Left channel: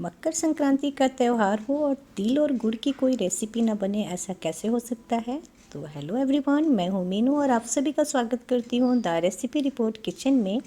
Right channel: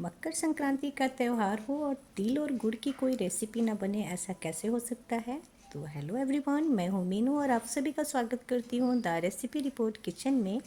मकर संक्रांति का त्यौहार हो और तिल और गुड़ की कोई रेसिपी ना बने, ऐसा कैसे हो सकता है। तो हेलो एवरीवन, मैं हूँ मीनू और आप सभी का स्वागत करती हूँ द रेसिपी रिपोर्ट किचन में।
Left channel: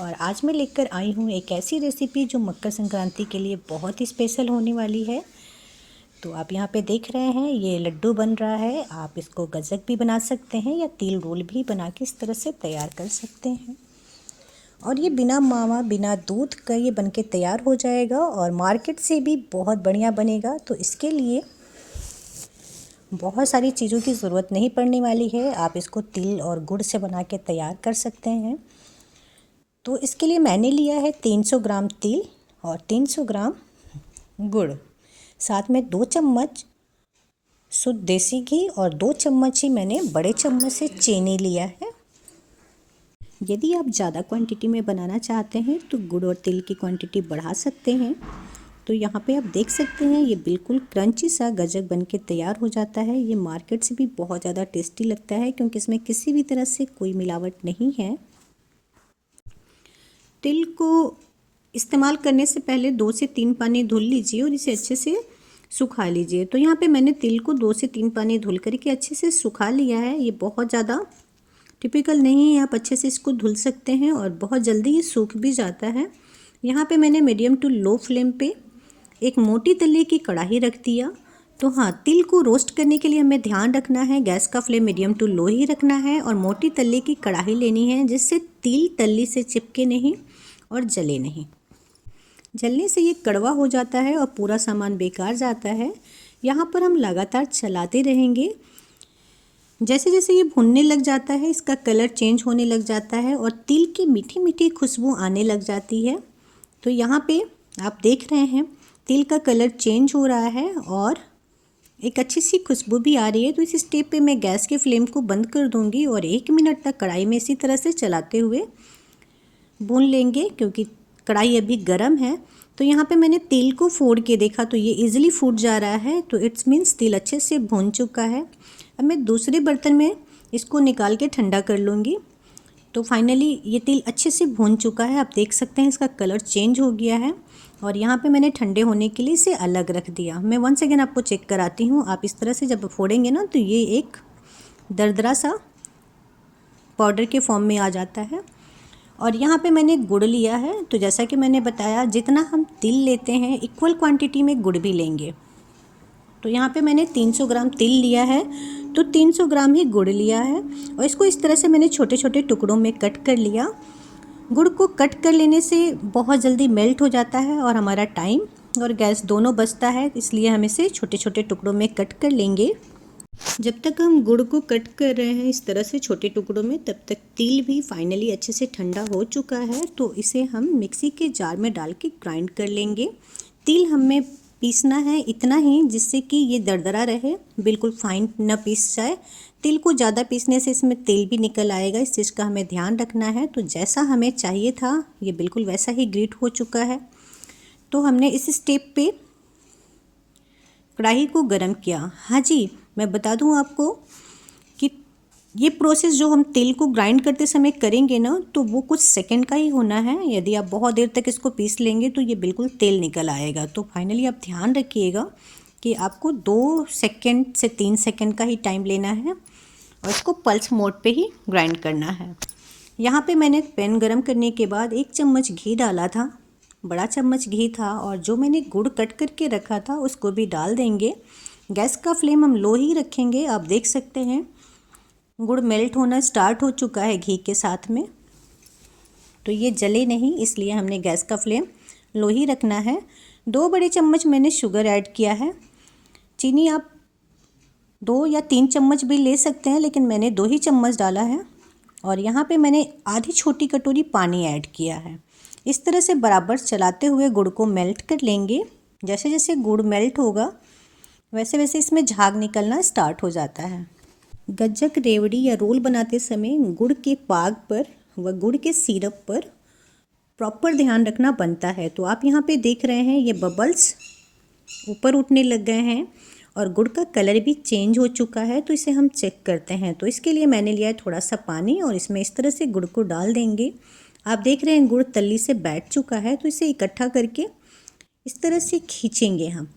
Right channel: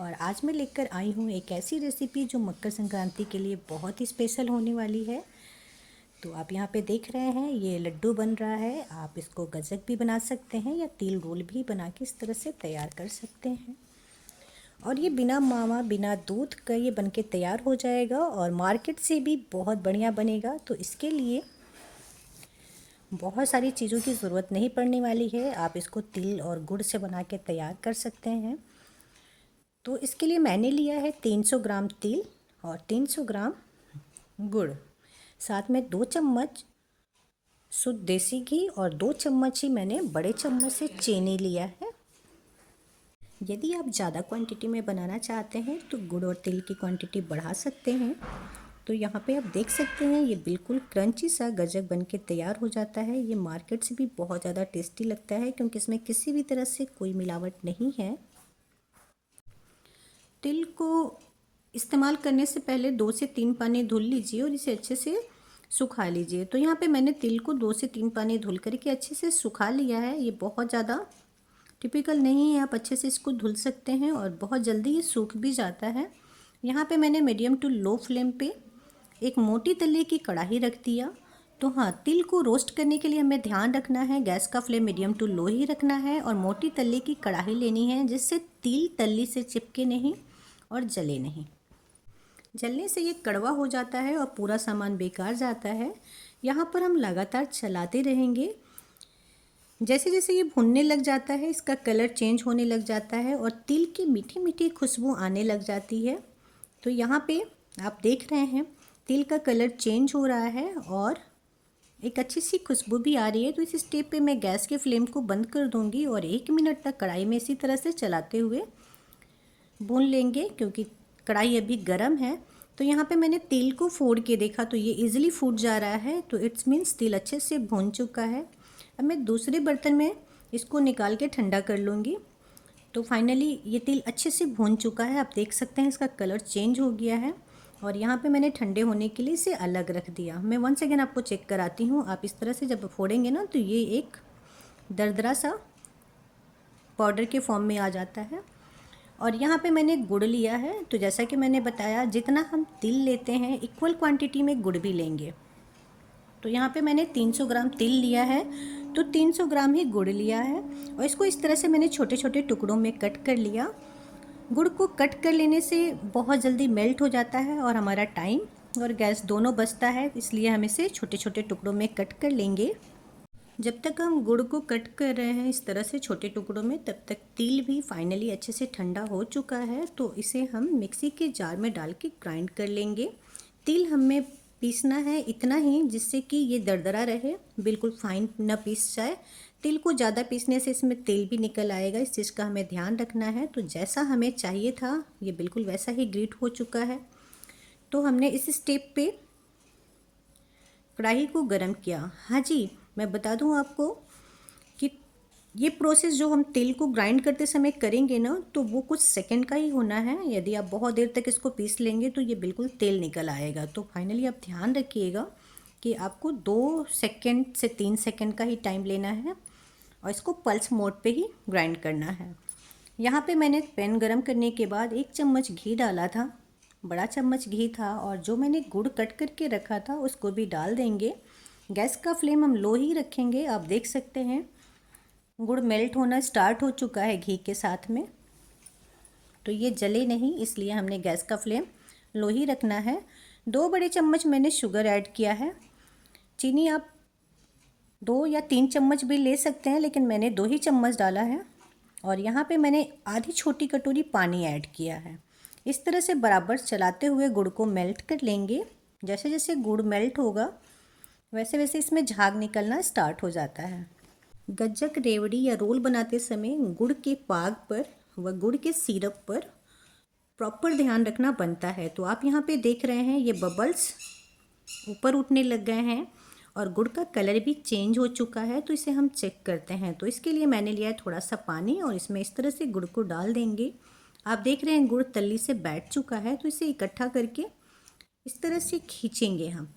और आज मैं लेकर आई हूँ एक ऐसी रेसिपी जो मकर संक्रांति के लिए बहुत ही स्पेशल होने वाली है। तो आप यहाँ पे देख रहे हैं ये लड्डू बन रहा है। आप इसको गज्जक भी बना सकते हैं या तिल रोल भी बना के इस तरह से तैयार कर सकते हैं। और ये बिना मावा बिना दूध का ये बनके तैयार हो जाएगा और मार्केट से भी बहुत बढ़िया बनेगा। तो इसके लिए बहुत सारी चीज़ों की ज़रूरत नहीं पड़ने वाली है। आप इसको तिल और गुड़ से बना के तैयार कर सकते हैं। तो इसके लिए मैंने लिया है 300 ग्राम तिल और 300 ग्राम गुड़, साथ में 2 चम्मच शुद्ध देसी घी और 2 चम्मच ही मैंने बड़े चम्मच से चीनी लिया है। यदि आप ज़्यादा क्वांटिटी में बनाना चाहते हैं तो गुड़ और तिल की क्वांटिटी बढ़ा सकते हैं। तो यहाँ पे आप देख सकते हैं ये बिल्कुल क्रंची सा गज्जक बन के तैयार हो जाता है। ये मार्केट से भी बहुत ज़्यादा टेस्टी लगता है क्योंकि इसमें किसी भी तरह से कोई मिलावट नहीं है। तिल को इस्तेमाल करने से पहले 2 से 3 पानी धुल लीजिए और इसे अच्छे से सुखा लीजिए। तो यहाँ पे मैंने तिल को 2 से 3 पानी धुल करके अच्छे से सुखा लिया है। ये बहुत ज़्यादा टिपिकल नहीं है, आप अच्छे से इसको धुल सकते हैं और बहुत जल्दी ये सूख भी जाता है। यहाँ पे मैंने मीडियम टू लो फ्लेम पे एक मोटी तले की कढ़ाई रख दिया। तो हाँ, तिल को रोस्ट करने के लिए हमें ध्यान रखना है, गैस का फ्लेम मीडियम टू लो ही रखना है और मोटी तले की कढ़ाई लेनी है जिससे तिल तल्ली से चिपके नहीं और जले नहीं। जलने से ये कड़वा हो जाता है और पूरा सामान बेकार जाता है। यहाँ पर हम लगातार चलाते रहेंगे। जैसे जैसे ये भुनने लग जाता है इसका कलर चेंज होने लग जाता है और तिल की मीठी मीठी खुशबू आने लग जाती है। तो यहाँ पे आप देख रहे हैं तिल का कलर चेंज हो रहा है और एक अच्छी सी खुशबू भी आ रही है। तो इस स्टेप पे मैं गैस के फ्लेम को बंद कर दूंगी और 1 मिनट तक कढ़ाई में इसी तरह से चलाते हुए भून लेंगे क्योंकि कढ़ाई अभी गर्म है। तो यहाँ पे मैंने तिल को फोड़ के देखा तो ये इजीली फूट जा रहा है, तो इट्स मीन्स तिल अच्छे से भून चुका है। अब मैं दूसरे बर्तन में इसको निकाल के ठंडा कर लूँगी। तो फाइनली ये तिल अच्छे से भून चुका है। आप देख सकते हैं इसका कलर चेंज हो गया है और यहाँ पे मैंने ठंडे होने के लिए इसे अलग रख दिया। मैं वंस अगेन आपको चेक कराती हूँ। आप इस तरह से जब फोड़ेंगे ना तो ये एक दरदरा सा पाउडर के फॉर्म में आ जाता है। और यहाँ पे मैंने गुड़ लिया है। तो जैसा कि मैंने बताया जितना हम तिल लेते हैं इक्वल क्वांटिटी में गुड़ भी लेंगे। तो यहाँ पे मैंने 300 ग्राम तिल लिया है तो 300 ग्राम ही गुड़ लिया है और इसको इस तरह से मैंने छोटे छोटे टुकड़ों में कट कर लिया। गुड़ को कट कर लेने से बहुत जल्दी मेल्ट हो जाता है और हमारा टाइम और गैस दोनों बचता है, इसलिए हम इसे छोटे छोटे टुकड़ों में कट कर लेंगे। जब तक हम गुड़ को कट कर रहे हैं इस तरह से छोटे टुकड़ों में, तब तक तिल भी फाइनली अच्छे से ठंडा हो चुका है। तो इसे हम मिक्सी के जार में डाल के ग्राइंड कर लेंगे। तिल हमें पीसना है इतना ही जिससे कि ये दरदरा रहे, बिल्कुल फाइन न पीस जाए। तिल को ज़्यादा पीसने से इसमें तेल भी निकल आएगा, इस चीज़ का हमें ध्यान रखना है। तो जैसा हमें चाहिए था ये बिल्कुल वैसा ही ग्रेट हो चुका है। तो हमने इस स्टेप पे कढ़ाई को गर्म किया। हाँ जी, मैं बता दूं आपको कि ये प्रोसेस जो हम तिल को ग्राइंड करते समय करेंगे ना तो वो कुछ सेकंड का ही होना है। यदि आप बहुत देर तक इसको पीस लेंगे तो ये बिल्कुल तेल निकल आएगा। तो फाइनली आप ध्यान रखिएगा कि आपको 2 सेकंड से 3 सेकंड का ही टाइम लेना है और इसको पल्स मोड पे ही ग्राइंड करना है। यहाँ पे मैंने पैन गरम करने के बाद 1 चम्मच घी डाला था, बड़ा चम्मच घी था, और जो मैंने गुड़ कट करके रखा था उसको भी डाल देंगे। गैस का फ्लेम हम लो ही रखेंगे। आप देख सकते हैं गुड़ मेल्ट होना स्टार्ट हो चुका है घी के साथ में। तो ये जले नहीं, इसलिए हमने गैस का फ्लेम लो ही रखना है। 2 बड़े चम्मच मैंने शुगर ऐड किया है। चीनी आप 2 या 3 चम्मच भी ले सकते हैं, लेकिन मैंने 2 ही चम्मच डाला है। और यहाँ पे मैंने आधी छोटी कटोरी पानी ऐड किया है। इस तरह से बराबर चलाते हुए गुड़ को मेल्ट कर लेंगे। जैसे जैसे गुड़ मेल्ट होगा वैसे वैसे इसमें झाग निकलना स्टार्ट हो जाता है। गज्जक, रेवड़ी या रोल बनाते समय गुड़ के पाग पर व गुड़ के सिरप पर प्रॉपर ध्यान रखना बनता है। तो आप यहाँ पे देख रहे हैं ये बबल्स ऊपर उठने लग गए हैं और गुड़ का कलर भी चेंज हो चुका है। तो इसे हम चेक करते हैं। तो इसके लिए मैंने लिया है थोड़ा सा पानी और इसमें इस तरह से गुड़ को डाल देंगे। आप देख रहे हैं गुड़ तल्ली से बैठ चुका है। तो इसे इकट्ठा करके इस तरह से खींचेंगे हम।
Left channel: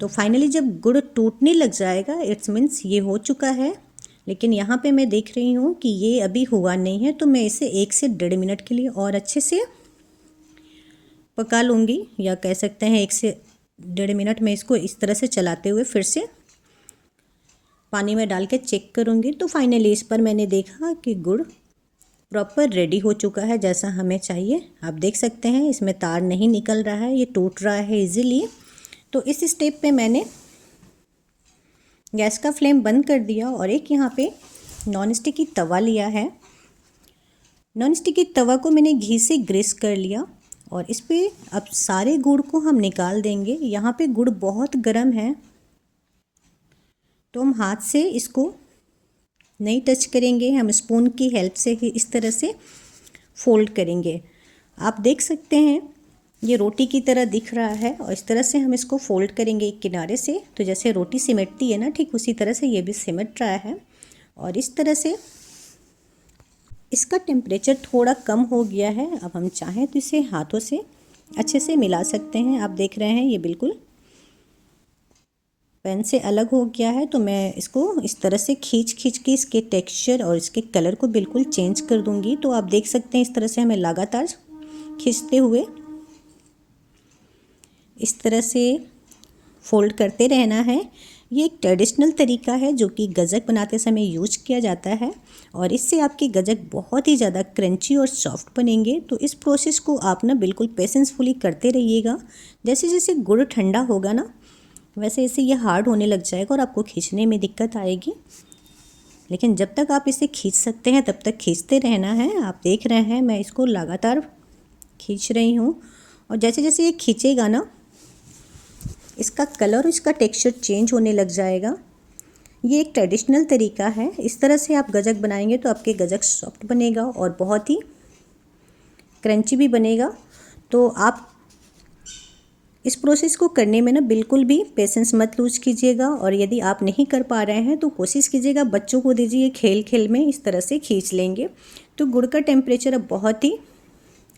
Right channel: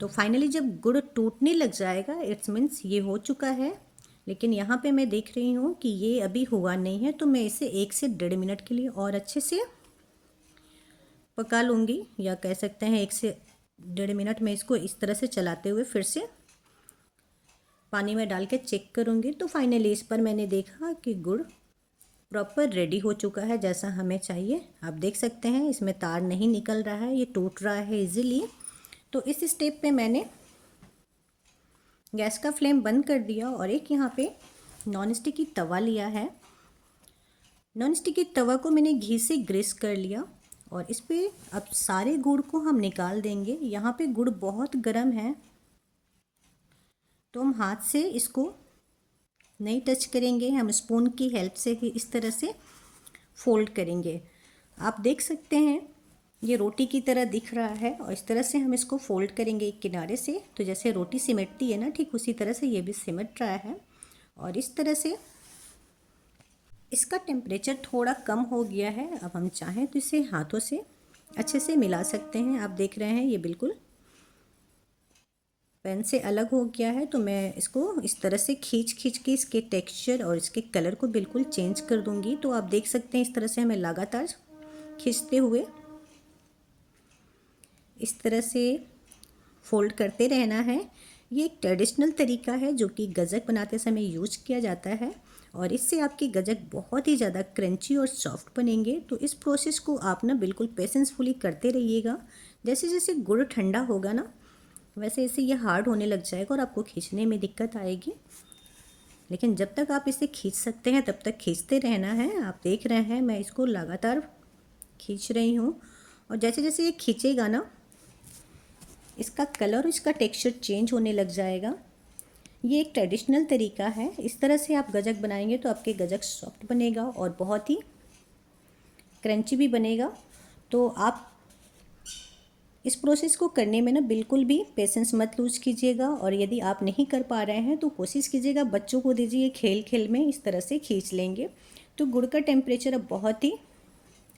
तो फाइनली जब गुड़ टूटने लग जाएगा इट्स मीन्स ये हो चुका है। लेकिन यहाँ पे मैं देख रही हूँ कि ये अभी हुआ नहीं है, तो मैं इसे 1 से 1.5 मिनट के लिए और अच्छे से पका लूँगी, या कह सकते हैं 1 से 1.5 मिनट में इसको इस तरह से चलाते हुए फिर से पानी में डाल के चेक करूँगी। तो फाइनली इस पर मैंने देखा कि गुड़ प्रॉपर रेडी हो चुका है जैसा हमें चाहिए। आप देख सकते हैं इसमें तार नहीं निकल रहा है, ये टूट रहा है इजीली। तो इस स्टेप पे मैंने गैस का फ्लेम बंद कर दिया और एक यहाँ पे नॉन स्टिकी तवा लिया है। नॉन स्टिकी तवा को मैंने घी से ग्रीस कर लिया और इस पे अब सारे गुड़ को हम निकाल देंगे। यहाँ पे गुड़ बहुत गर्म है, तो हम हाथ से इसको नहीं टच करेंगे, हम स्पून की हेल्प से ही इस तरह से फोल्ड करेंगे। आप देख सकते हैं ये रोटी की तरह दिख रहा है और इस तरह से हम इसको फोल्ड करेंगे एक किनारे से। तो जैसे रोटी सिमटती है ना, ठीक उसी तरह से ये भी सिमट रहा है। और इस तरह से इसका टेम्परेचर थोड़ा कम हो गया है। अब हम चाहें तो इसे हाथों से अच्छे से मिला सकते हैं। आप देख रहे हैं ये बिल्कुल पैन से अलग हो गया है, तो मैं इसको इस तरह से खींच के इसके टेक्सचर और इसके कलर को बिल्कुल चेंज कर दूंगी। तो आप देख सकते हैं इस तरह से हमें लगातार खींचते हुए इस तरह से फोल्ड करते रहना है। ये एक ट्रेडिशनल तरीका है जो कि गजक बनाते समय यूज किया जाता है और इससे आपके गजक बहुत ही ज़्यादा क्रंची और सॉफ्ट बनेंगे। तो इस प्रोसेस को आप ना बिल्कुल पेशेंसफुली करते रहिएगा। जैसे जैसे गुड़ ठंडा होगा ना, वैसे वैसे ये हार्ड होने लग जाएगा और आपको खींचने में दिक्कत आएगी। लेकिन जब तक आप इसे खींच सकते हैं तब तक खींचते रहना है। आप देख रहे हैं मैं इसको लगातार खींच रही हूँ और जैसे जैसे ये खींचेगा ना, इसका कलर और इसका टेक्सचर चेंज होने लग जाएगा। ये एक ट्रेडिशनल तरीका है। इस तरह से आप गजक बनाएंगे तो आपके गजक सॉफ्ट बनेगा और बहुत ही क्रंची भी बनेगा। तो आप इस प्रोसेस को करने में ना बिल्कुल भी पेशेंस मत लूज कीजिएगा और यदि आप नहीं कर पा रहे हैं तो कोशिश कीजिएगा बच्चों को दीजिए, खेल खेल में इस तरह से खींच लेंगे। तो गुड़ का टेम्परेचर अब बहुत ही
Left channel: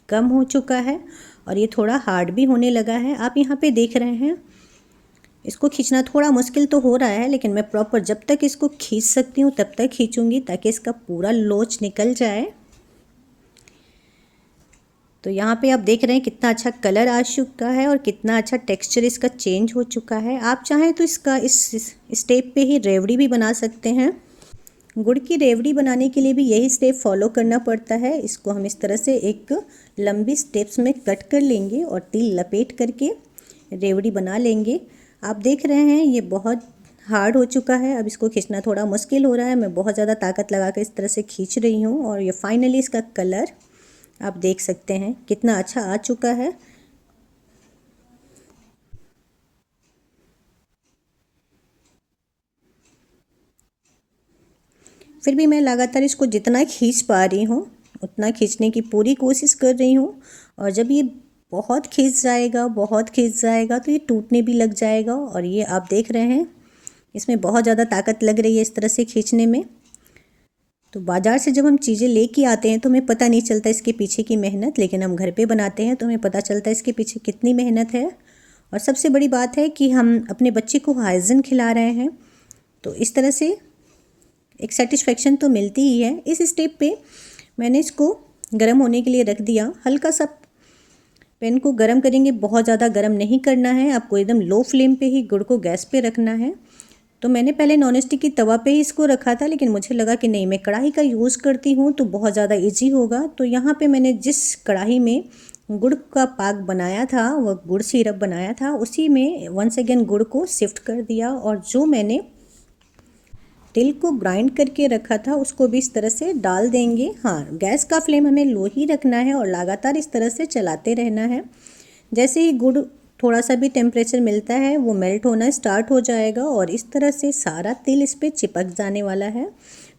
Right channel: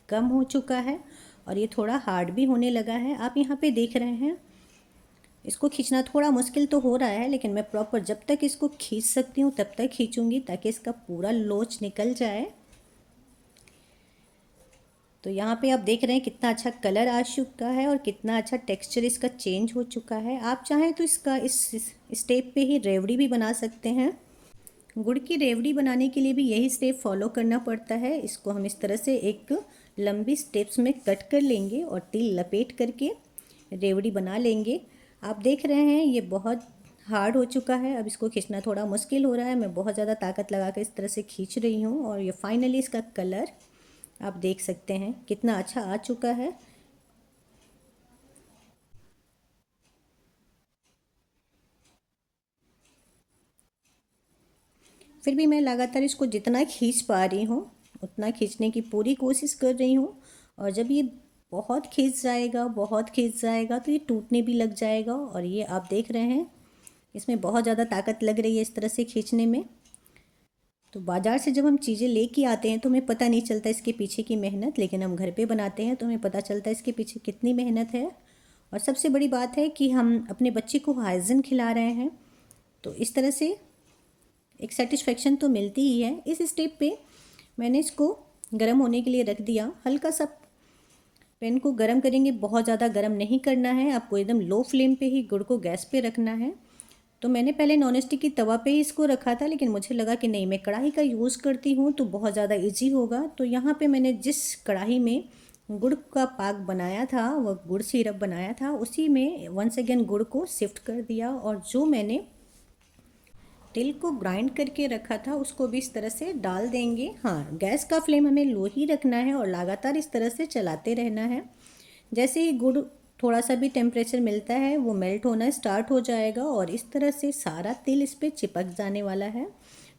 कम हो चुका है और ये थोड़ा हार्ड भी होने लगा है। आप यहाँ पे देख रहे हैं इसको खींचना थोड़ा मुश्किल तो हो रहा है, लेकिन मैं प्रॉपर जब तक इसको खींच सकती हूँ तब तक खींचूंगी ताकि इसका पूरा लोच निकल जाए। तो यहाँ पे आप देख रहे हैं कितना अच्छा कलर आ चुका है और कितना अच्छा टेक्सचर इसका चेंज हो चुका है। आप चाहें तो इसका इस स्टेप पे ही रेवड़ी भी बना सकते हैं। गुड़ की रेवड़ी बनाने के लिए भी यही स्टेप फॉलो करना पड़ता है। इसको हम इस तरह से एक लंबी स्टेप्स में कट कर लेंगे और तिल लपेट करके रेवड़ी बना लेंगे। आप देख रहे हैं ये बहुत हार्ड हो चुका है, अब इसको खींचना थोड़ा मुश्किल हो रहा है। मैं बहुत ज़्यादा ताकत लगा कर इस तरह से खींच रही हूँ और ये फाइनली इसका कलर आप देख सकते हैं कितना अच्छा आ चुका है। फिर भी मैं लगातार इसको जितना खींच पा रही हूँ उतना खींचने की पूरी कोशिश कर रही हूँ। और जब ये बहुत खींच जाएगा तो ये टूटने भी लग जाएगा। और ये आप देख रहे हैं इसमें बहुत ज़्यादा ताकत लग रही है इस तरह से खींचने में। तो बाज़ार से जब हम चीज़ें लेके आते हैं तो हमें पता नहीं चलता इसके पीछे की मेहनत, लेकिन हम घर पे बनाते हैं तो हमें पता चलता है इसके पीछे कितनी मेहनत है। और सबसे बड़ी बात है कि हम अपने बच्चे को हाइजीन खिला रहे हैं, तो इस तरह से एक सेटिस्फेक्शन तो मिलती ही है। इस स्टेप पे मैंने इसको गर्म होने के लिए रख दिया। हल्का सा पैन को गर्म करेंगे, बहुत ज़्यादा गर्म नहीं करना है आपको, एकदम लो फ्लेम पे ही गुड़ को गैस पे रखना है। तो मैंने पहले नॉन स्टिक की तवा पे ही इसको रखा था, लेकिन मुझे लगा कि नहीं, मैं कढ़ाई का यूज़ करती हूँ तो बहुत ज़्यादा ईजी होगा। तो यहाँ पे मैंने जिस कढ़ाई में गुड़ का पाक बनाया था, वह गुड़ सिरप बनाया था, उसी में वंस अगेन गुड़ को शिफ्ट कर दिया और जो मैंने तिल को ग्राइंड करके रखा था उसको भी इस तरह से डाल देंगे। हाँ, गैस का फ्लेम हमें लो ही रखना है और लगातार इस तरह से चलाते रहना है। जैसे ही गुड़ थोड़ा सा भी टेम्परेचर मिलता है वो मेल्ट होना स्टार्ट हो जाएगा और इस तरह से सारा तिल इस पर चिपक जाने वाला है।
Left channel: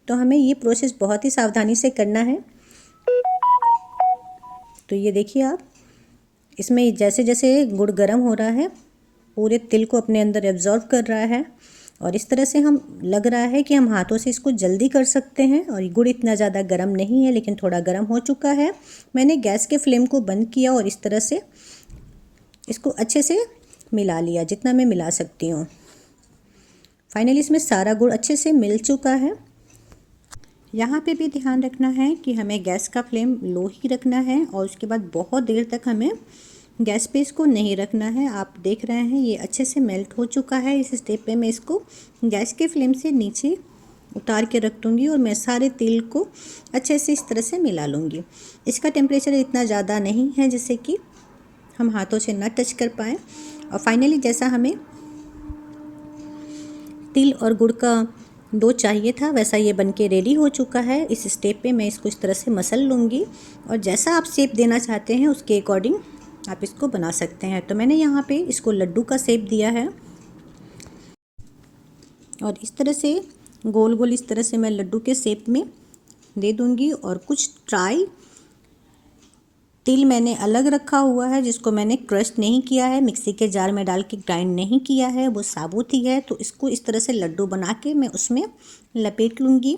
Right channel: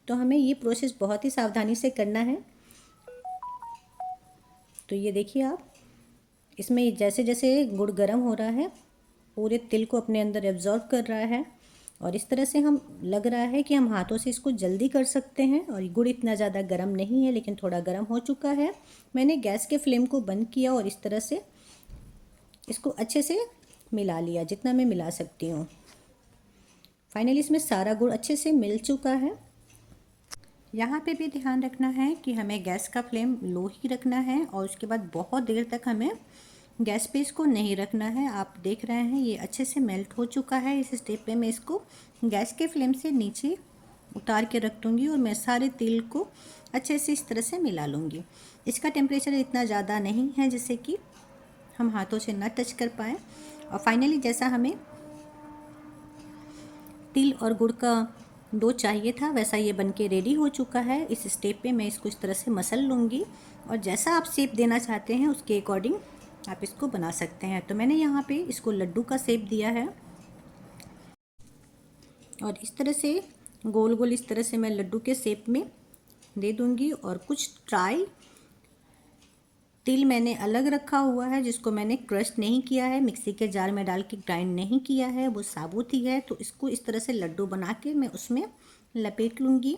तो हमें ये प्रोसेस बहुत ही सावधानी से करना है। तो ये देखिए आप, इसमें जैसे जैसे गुड़ गर्म हो रहा है पूरे तिल को अपने अंदर एब्जॉर्ब कर रहा है और इस तरह से हम लग रहा है कि हम हाथों से इसको जल्दी कर सकते हैं। और ये गुड़ इतना ज़्यादा गर्म नहीं है, लेकिन थोड़ा गर्म हो चुका है। मैंने गैस के फ्लेम को बंद किया और इस तरह से इसको अच्छे से मिला लिया जितना मैं मिला सकती हूँ। फाइनली इसमें सारा गुड़ अच्छे से मिल चुका है। यहाँ पे भी ध्यान रखना है कि हमें गैस का फ्लेम लो ही रखना है और उसके बाद बहुत देर तक हमें गैस पे इसको नहीं रखना है। आप देख रहे हैं ये अच्छे से मेल्ट हो चुका है। इस स्टेप पे मैं इसको गैस के फ्लेम से नीचे उतार के रख दूँगी और मैं सारे तिल को अच्छे से इस तरह से मिला लूँगी। इसका टेम्परेचर इतना ज़्यादा नहीं है जिससे कि हम हाथों से ना टच कर पाएँ। और फाइनली जैसा हमें तिल और गुड़ का डो चाहिए था वैसा ये बनके रेडी हो चुका है। इस स्टेप पे मैं इसको इस तरह से मसल लूँगी और जैसा आप शेप देना चाहते हैं उसके अकॉर्डिंग आप इसको बना सकते हैं। तो मैंने यहाँ पे इसको लड्डू का शेप दिया है और इस तरह से गोल गोल इस तरह से मैं लड्डू के शेप में दे दूँगी। और कुछ ड्राई तिल मैंने अलग रखा हुआ है जिसको मैंने क्रश नहीं किया है, मिक्सी के जार में डाल के ग्राइंड नहीं किया है, वो साबुत ही है। तो इसको इस तरह से लड्डू बना के मैं उसमें लपेट लूँगी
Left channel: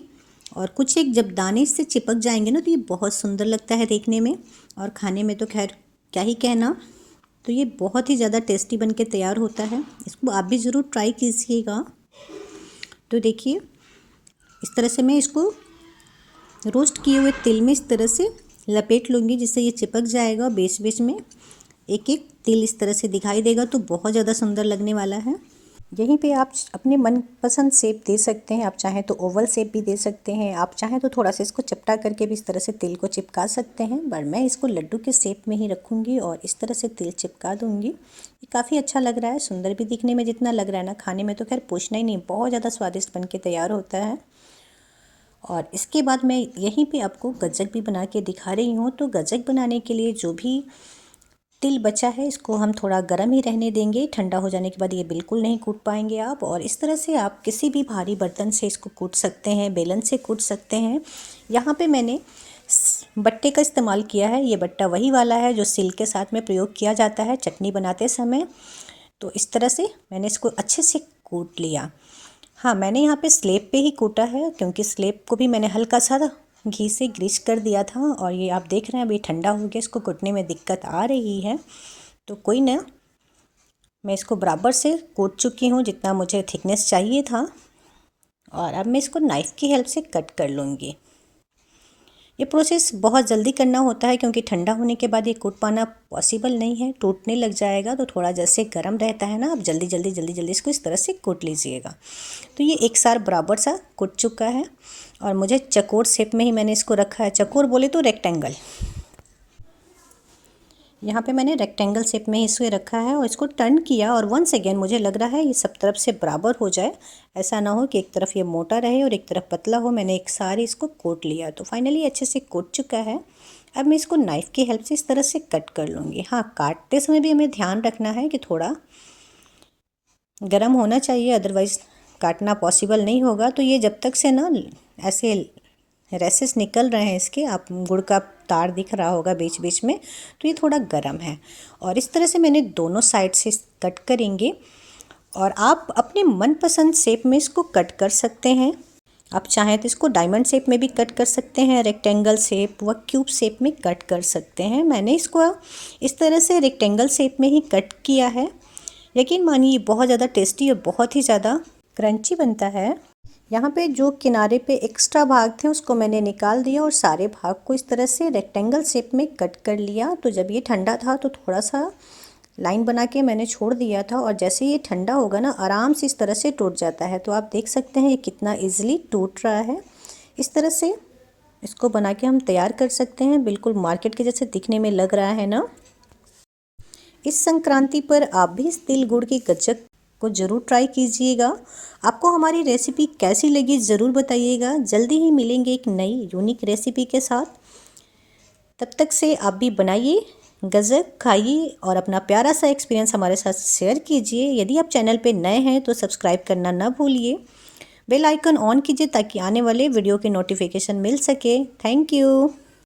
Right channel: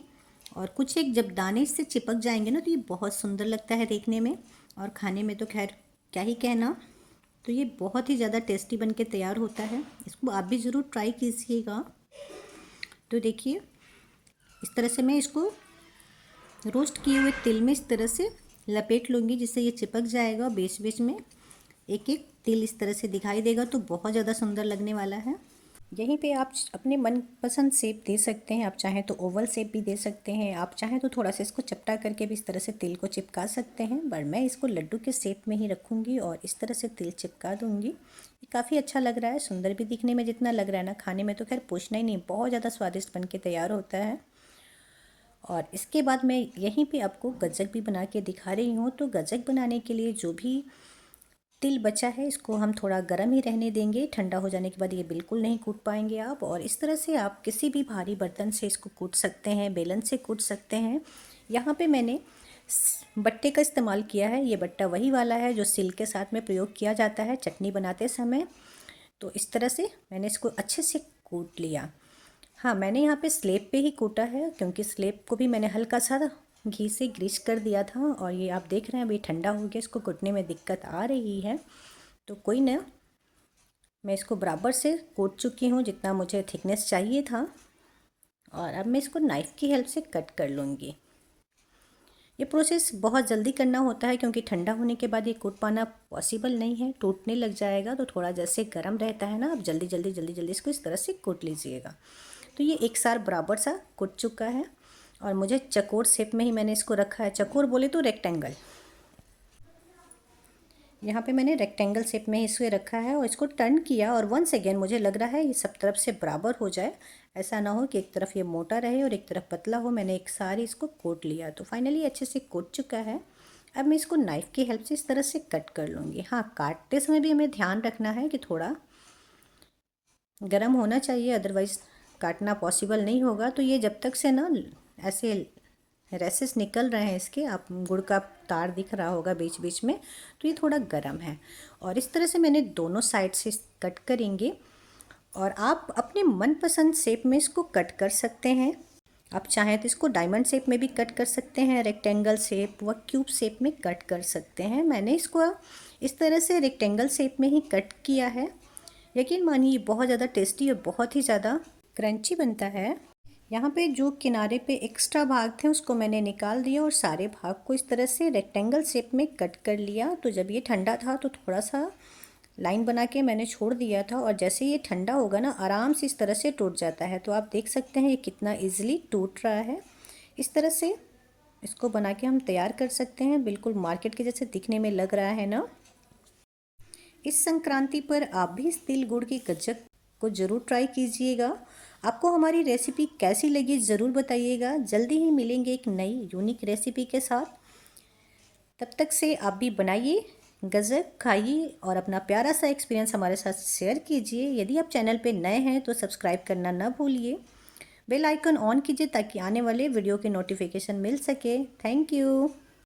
और कुछ एक जब दाने इससे चिपक जाएंगे ना तो ये बहुत सुंदर लगता है देखने में और खाने में तो खैर क्या ही कहना। तो ये बहुत ही ज़्यादा टेस्टी बन के तैयार होता है। इसको आप भी ज़रूर ट्राई कीजिएगा। तो देखिए इस तरह से मैं इसको रोस्ट किए हुए तिल में इस तरह से लपेट लूँगी जिससे ये चिपक जाएगा। बीच बीच में एक एक तिल इस तरह से दिखाई देगा तो बहुत ज़्यादा सुंदर लगने वाला है। यहीं पे आप अपने मनपसंद शेप दे सकते हैं। आप चाहें तो ओवल शेप भी दे सकते हैं, आप चाहें तो थोड़ा सा इसको चपटा करके भी इस तरह से तिल को चिपका सकते हैं। पर मैं इसको लड्डू के शेप में ही रखूँगी और इस तरह से तिल चिपका दूँगी। ये काफ़ी अच्छा लग रहा है, सुंदर भी दिखने में जितना लग रहा है ना, खाने में तो खैर पूछना ही नहीं, बहुत ज़्यादा स्वादिष्ट बन के तैयार होता है। और इसके बाद मैं यहीं पे आपको गज्जक भी बना के दिखा रही हूँ। तो गज्जक बनाने के लिए जो भी तिल बचा है इसको हम थोड़ा गर्म ही रहने देंगे। ठंडा हो जाने के बाद ये बिल्कुल नहीं कूट पाएंगे आप। और इस तरह से आप किसी भी भारी बर्तन से इसको कूट सकते हैं, बेलन से कूट सकते हैं। यहाँ पे मैंने बट्टे का इस्तेमाल किया है। ये बट्टा वही वाला है जो सिल के साथ में प्रयोग किया जाता है चटनी बनाते समय। तो इस तरह से मैंने इसको अच्छे से कूट लिया। हाँ, मैंने यहाँ पे स्लेब पे ही कूटा है क्योंकि स्लेब को भी मैंने हल्का सा घी से ग्रीस कर दिया था। और ये आप देख रहे हैं अभी ठंडा हो गया, इसको कूटने में दिक्कत आ रही है तो कोई ना, मैं इसको बराबर से कूट चुकी हूँ जितना मुझे थिकनेस चाहिए था। और अब मैं इसको नाइफ़ की हेल्प से कट कर लूँगी। ये प्रोसेस बहुत जल्दी करना होता है क्योंकि ठंडा होने के बाद ये कूट पाना पॉसिबल नहीं है, टूटने लग जाएगा। तो थोड़ा जैसे गर्म रहता है ना, आप जल्दी जल्दी इसको इस तरह से कूट लीजिएगा। तो ये एक साथ बराबर सा कूट चुका है और मुझे चकोर शेप में ही मैंने इसको रखा है। चकोर बोले तो रेक्टेंगल, यहाँ पे मैंने रेक्टेंगल शेप में इसे रखा है और इसको टर्न किया। और वंस अगेन मुझे लग रहा है ये सब तरफ से बराबर हो जाए, ऐसा ना हो कि एक तरफ ये मोटा रहे और एक तरफ पतला हो। मैंने एक सारी इसको कोट लिया तो फाइनली अच्छे से कोट चुका है। अब मैं इसको नाइफ़ की हेल्प से इस तरह से कट कर लूँगी। हाँ, काटते समय भी हमें ध्यान रखना है कि थोड़ा गर्म होना चाहिए, अदरवाइज़ काटना पॉसिबल नहीं होगा। तो ये जब तक से ना ऐसे रेसेस निकल रहे हैं इसके, आप गुड़ का तार दिख रहा होगा बीच बीच में, तो ये थोड़ा गर्म है। और इस तरह से मैंने दोनों साइड से कट करेंगे और आप अपने मनपसंद शेप में इसको कट कर सकते हैं। आप चाहें तो इसको डायमंड शेप में भी कट कर सकते हैं, रेक्टेंगल शेप व क्यूब शेप में कट कर सकते हैं। मैंने इसको इस तरह से रेक्टेंगल शेप में ही कट किया है। यकीन मानिए बहुत ज़्यादा टेस्टी और बहुत ही ज़्यादा क्रंची बनता है। यहाँ पे जो किनारे पे एक्स्ट्रा भाग थे उसको मैंने निकाल दिया और सारे भाग को इस तरह से रेक्टेंगल शेप में कट कर लिया। तो जब ये ठंडा था तो थोड़ा सा लाइन बना के मैंने छोड़ दिया था और जैसे ये ठंडा होगा ना, आराम से इस तरह से टूट जाता है। तो आप देख सकते हैं ये कितना ईजिली टूट रहा है। इस तरह से इसको बना के हम तैयार कर सकते हैं। बिल्कुल मार्केट के जैसे दिखने में लग रहा है ना। इस संक्रांति पर आप भी इस तिल गुड़ के गज्जक को ज़रूर ट्राई कीजिएगा। आपको हमारी रेसिपी कैसी लगी ज़रूर बताइएगा। जल्दी ही मिलेंगे एक नई यूनिक रेसिपी के साथ। तब तक से आप भी बनाइए, गज्जक खाइए और अपना प्यारा सा एक्सपीरियंस हमारे साथ शेयर कीजिए। यदि आप चैनल पे नए हैं तो सब्सक्राइब करना ना भूलिए, बेल आइकन ऑन कीजिए ताकि आने वाले वीडियो के नोटिफिकेशन मिल सके। Thank you.